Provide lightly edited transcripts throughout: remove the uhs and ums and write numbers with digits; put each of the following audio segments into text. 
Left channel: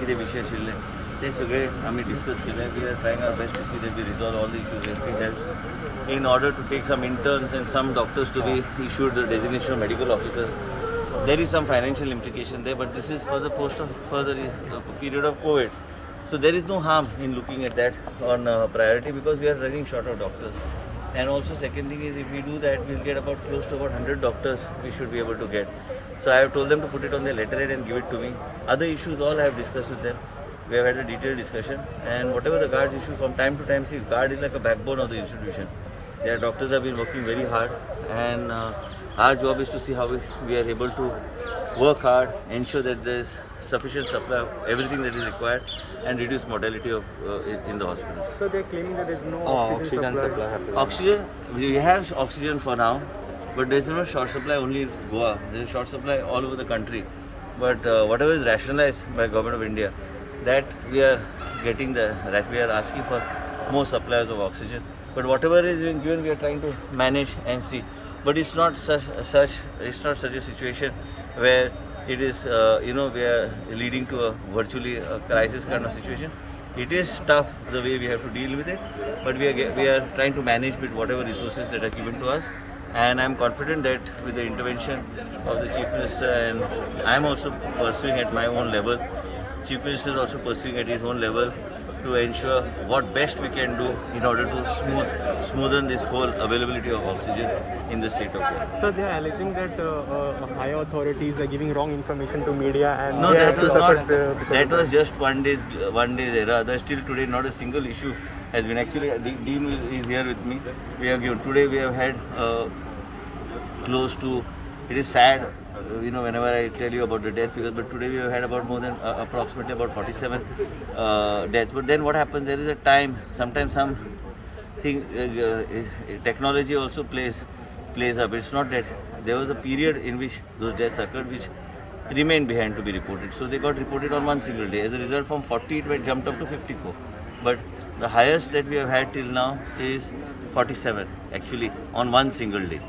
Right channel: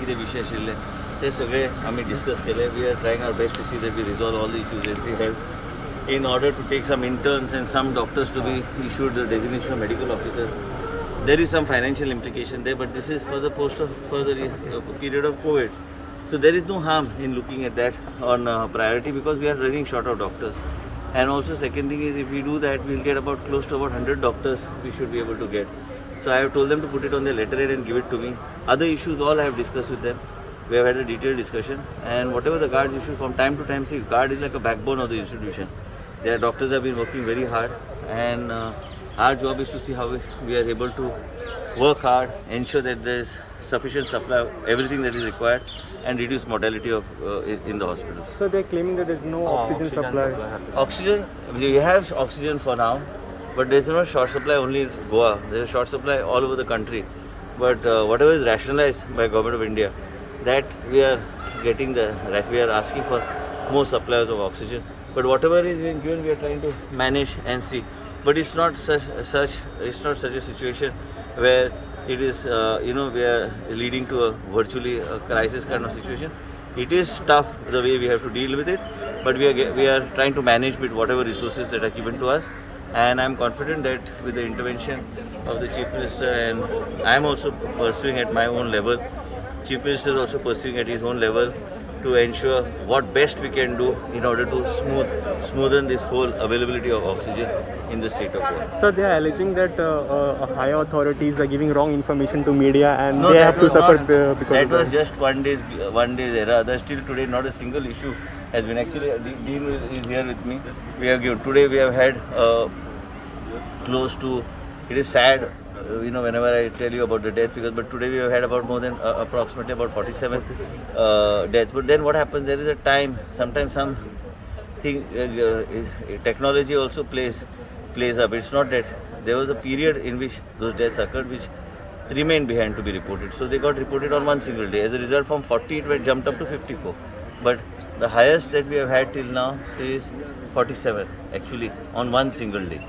कितें विशय आशिल्ले ते सगळे आमी डिस्कस केले. We are trying our best to see that we resolve all the issues in we health in order to take some interns and some doctors to be issued the designation of medical officers. There is some financial implication there, but this is for the period of COVID. So there is no harm in looking at that on priority, because we are running short of doctors. And also second thing is, if we do that, we'll get about close to about 100 doctors we should be able to get. So I have told them to put it on their letterhead and give it to me. Other issues all I have discussed with them. We have had a detailed discussion, and whatever the guards issue from time to time, see, guard is like a backbone of the institution. Their doctors have been working very hard, and our job is to see how we are able to work hard, ensure that there is sufficient supply of everything that is required, and reduce mortality of in the hospital. So they are claiming that there is no oxygen supply. Oxygen, we have oxygen for now, but there is no short supply only in Goa. There is a short supply all over the country. But whatever is rationalized by Government of India, that we are getting we are asking for more supplies of oxygen. But whatever is being given, we are trying to manage and see. But it's not such a situation where it is we are leading to a virtually a crisis kind of situation. It is tough the way we have to deal with it, but we are trying to manage with whatever resources that are given to us. And I am confident that with the intervention of the Chief Minister, and I am also pursuing at my own level, Chief Minister is also pursuing at his own level, to ensure what best we can do in order to smoothen this whole availability of oxygen in the state of Goa. So they are alleging that higher authorities are giving wrong information to media, and no, they that have was to not. suffer That was just one day's error. Still today, not a single issue has been. Actually, Dean is here with me. We have given today. We have had close to. It is sad. Whenever I tell you about the death figures, but today we have had about more than approximately about 47 deaths. But then what happens? There is a time. Sometimes technology also plays up. It's not that there was a period in which those deaths occurred, which remained behind to be reported. So they got reported on one single day. As a result, from 40 it went jumped up to 54. But the highest that we have had till now is 47 actually on one single day.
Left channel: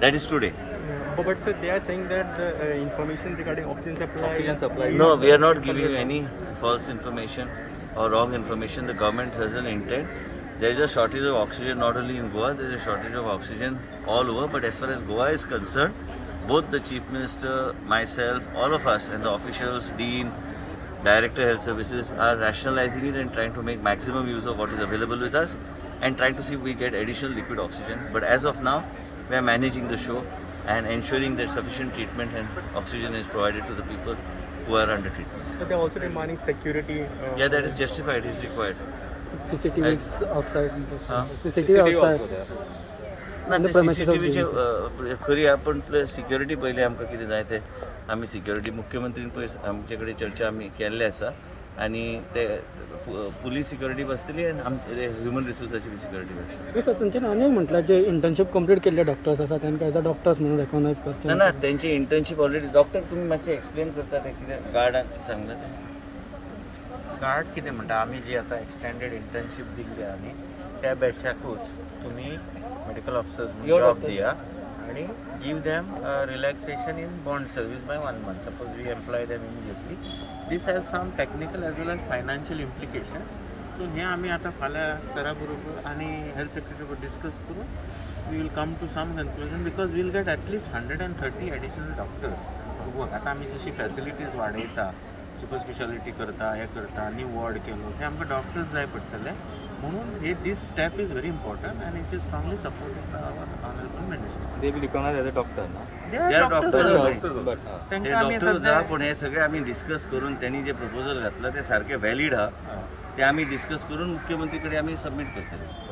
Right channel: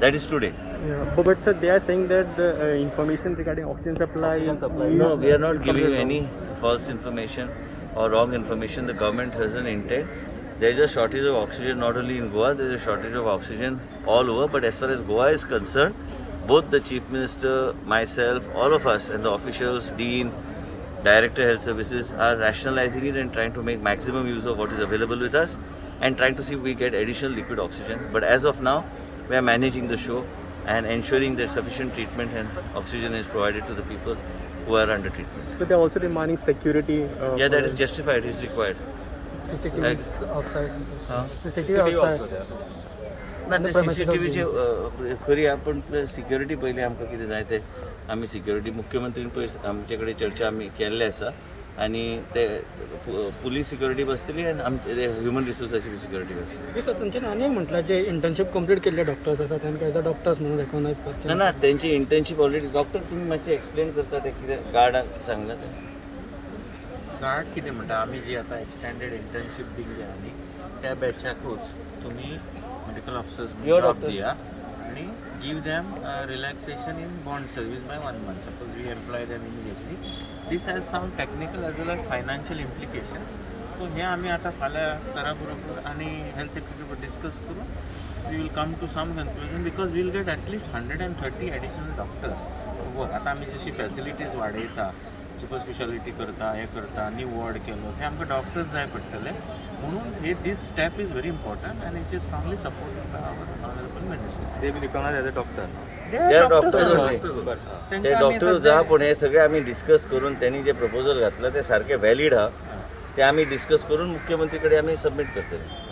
That is today. But sir, they are saying that the information regarding oxygen supply. No, we are not giving you any false information or wrong information. The government has an intent. There is a shortage of oxygen not only in Goa, there is a shortage of oxygen all over. But as far as Goa is concerned, both the Chief Minister, myself, all of us and the officials, Dean, Director Health Services are rationalizing it and trying to make maximum use of what is available with us, and trying to see if we get additional liquid oxygen. But as of now, we are managing the show and ensuring that sufficient treatment and oxygen is provided to the people who are under treatment. So they are also demanding security. Yeah, that is justified. It is required. CCTV outside. CCTV outside. ना ते CCTVचे खरी आपण security पहिले आमकां कितें जाय ते आमी सिक्युरिटी मुख्यमंत्रीन पळय आमचे कडेन चर्चा आमी केल्ली आसा, आणि ते पुलीस सिक्युरिटी बसतली आणि आमचे ह्युमन रिसोर्साची सिक्युरिटी बसतली. सर तुमचे नाणे म्हटलं जे इंटर्नशिप कंप्लीट केले डॉक्टर्स आसा तांकां एज अ डॉक्टर्स म्हणून रेकग्नायज करता ना त्यांची इंटर्नशिप ऑलरेडी डॉक्टर तुम्ही मातशें एक्सप्लेन करता ते कितें गार्डाक सांगला ते गार्ड कितें म्हणटा आमी जी आतां एक्सटेंडेड इंटर्नशिप दिल्ली आनी त्या बॅचाकूच तुमी मेडिकल ऑफिसर्स जॉब दिया आणि give them relaxation in bond service by 1 month. Suppose we employ them immediately. This has some technical as well as financial implication. So here आम्ही आता फाल्या सरा बरोबर आणि हेल्थ सेक्रेटरी बरोबर डिस्कस करून we will come to some conclusion, because we will get at least 130 additional doctors to work. आता आम्ही जशी फॅसिलिटीज वाडयता, सुपर स्पेशालिटी करता, हे करता, न्यू वॉर्ड केलो, ते आमकां डॉक्टर्स जाय पडटले. म्हणून हे this step is very important and it is strongly supported by our honourable minister. They will recognise as a doctor. पण हे सगळे आम्ही डिस्कस करून त्यांनी जे प्रपोजल घातलं ते सारखे व्हॅलिड हा, ते आम्ही डिस्कस करून मुख्यमंत्रीकडे आम्ही सबमिट करतले.